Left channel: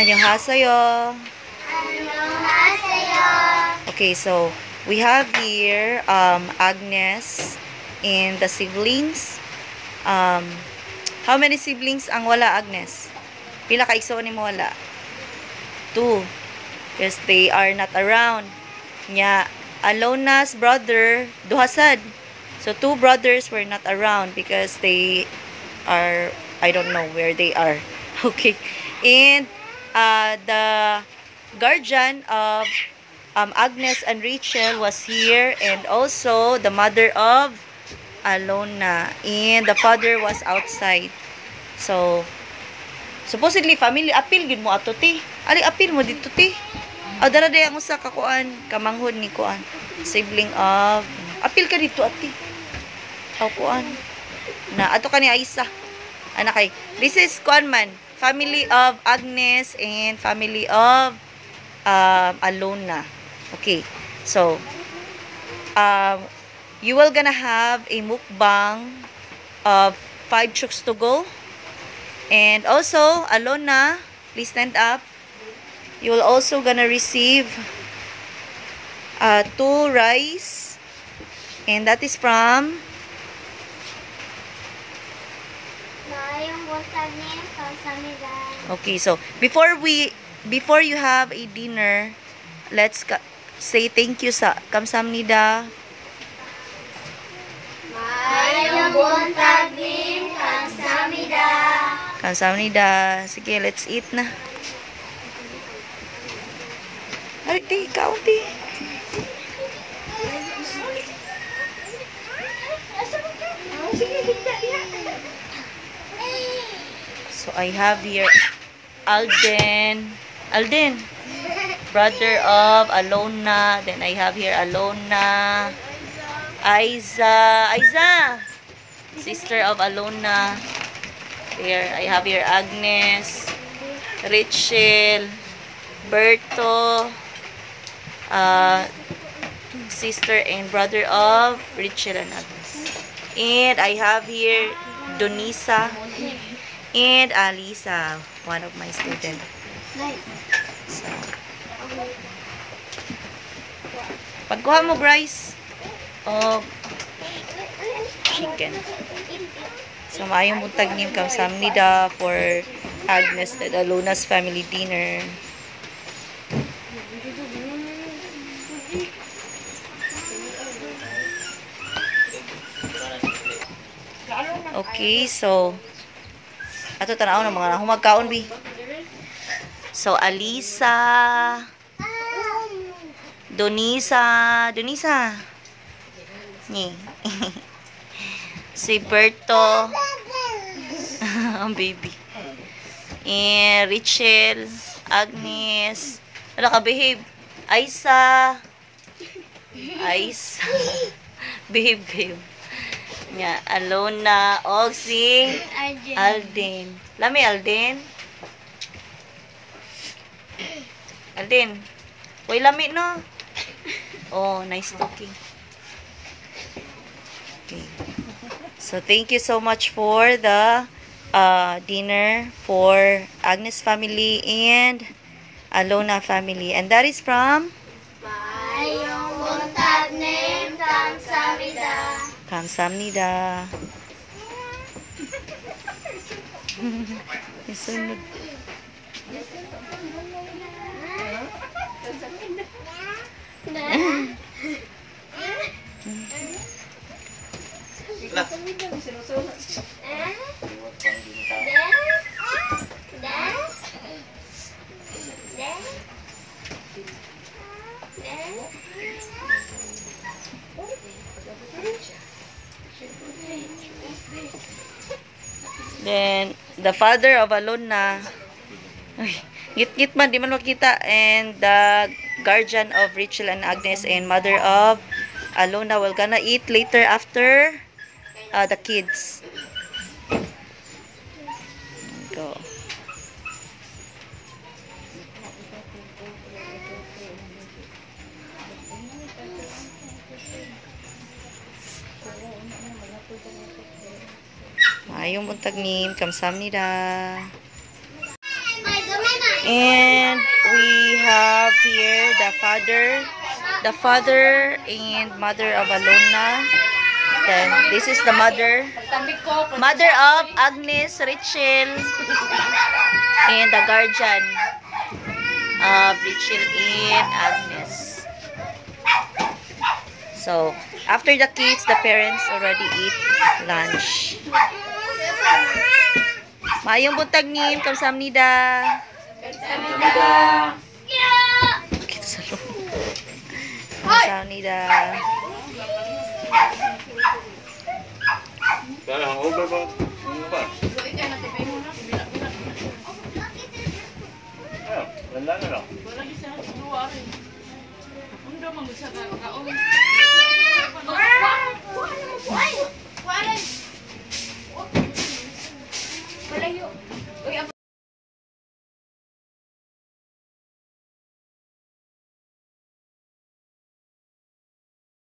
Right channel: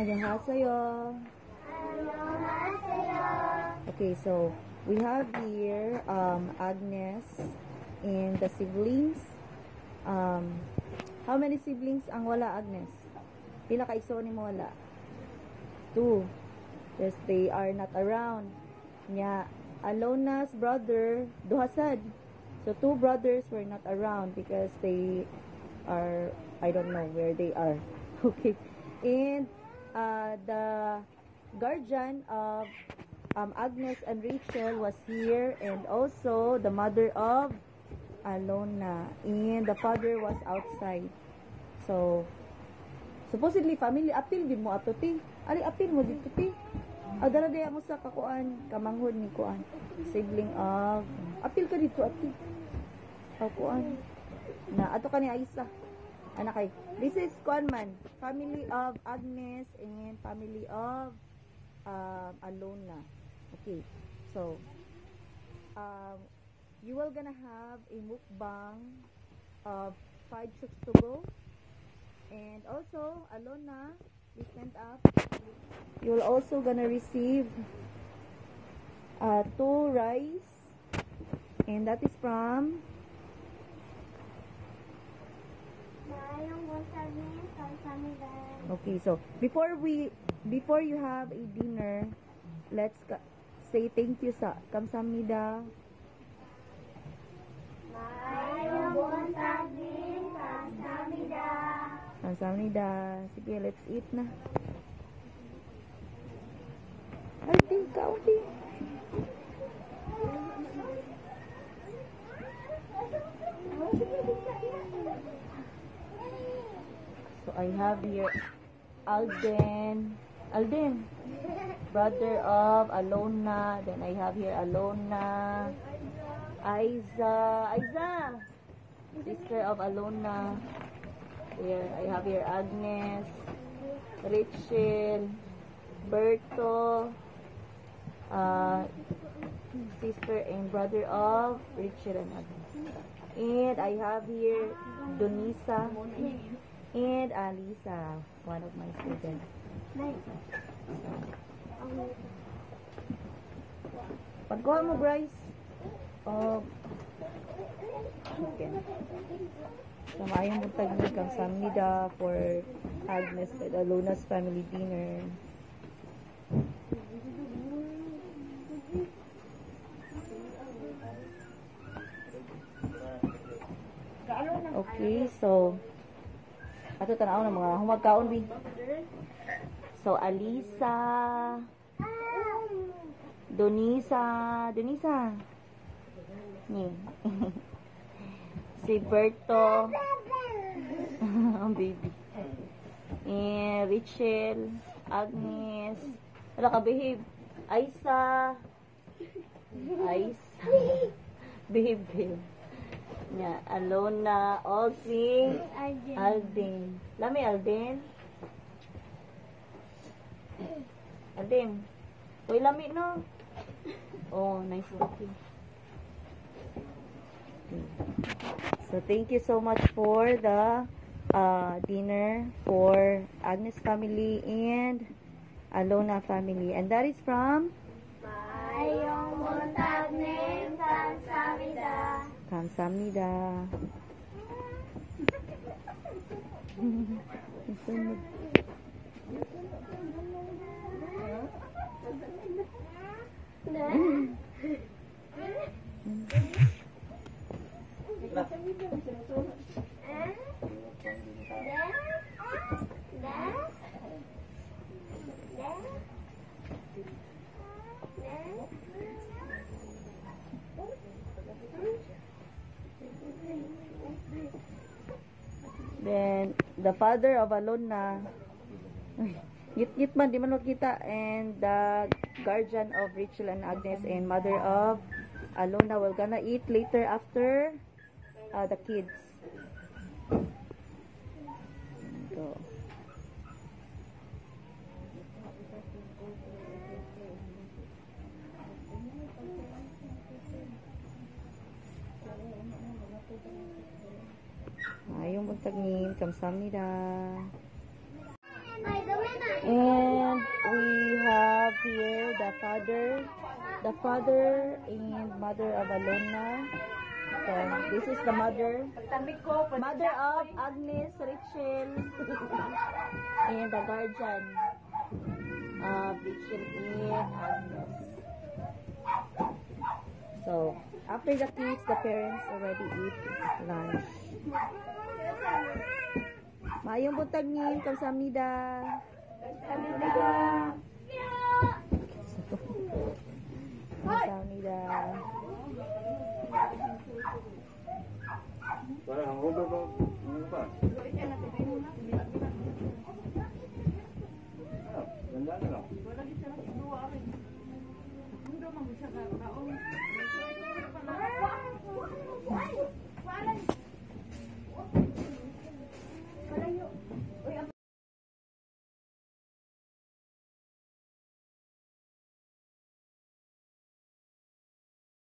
Annyeonghaseyo. Annyeonghaseyo. Okay, so we have here Agnes and the siblings. How many siblings ang wala, Agnes? Pila ka igsoon nimo wala? 2. Because they are not around. Nya, Alona's brother, duhasad. So 2 brothers were not around because they are, I don't know where they are. Okay. And the guardian of Agnes and Rachel was here, and also the mother of Alona, and the father was outside. So supposedly family appeal gid mo ato ti. Ali appeal mo dito ti. Dara day ang usa ka kuan, kamanghod ni kuan, sibling of appeal ka dito ati. Kuan na ato kani Aisa. Anak kay this is kuan man, family of Agnes and family of Alona. Okay. So you will gonna have a mukbang of 5 chooks to go. And also, Alona, please stand up. You will also gonna receive 2 rice. And that is from Okay, so before you have a dinner, let's say thank you sa kamsamnida. Mayong buntag nin, kamsamnida. Kamsamnida. Sige, let's eat na. Arti, kaunti. So I have here Alden, brother of Alona. Then I have here Alona, Aiza, sister of Alona. Here I have here Agnes, Rachel, Berto, sister and brother of Rachel and Agnes. And I have here Donisa and Alisa, one of my students. So, pagkuha mo, Bryce, of chicken. So, maayong buntag niyo kamsamnida for Agnes and Alona's family dinner. Okay, so ato tanaw ng mga humagkaon bi. So Alisa, Donisa ni si Berto ang baby, and Rachel, Agnes, wala ka behave, Aisa behave nya, Alona, og si Alden. Lami Alden. Uy, lami no. Oh, nice talking. Okay. So thank you so much for the dinner for Agnes family and Alona family, and that is from Mayong buntag nin, kamsamnida. Kamsamnida. Isunod. Then, the father of Alona, git-git man, di man makita, and the guardian of Rachel and Agnes and mother of Alona will gonna eat later after the kids. Go. Maayong buntag nim, kamsamnida. And we have here the father and mother of Alona. Then this is the mother of Agnes, Richel, and the guardian of Richel and Agnes. So after the kids, the parents already eat lunch. Maayong buntag nim, kamsahamnida. Kamsahamnida. Kaya hangover ba? Ano ba? Ayun, wala na lang. Wala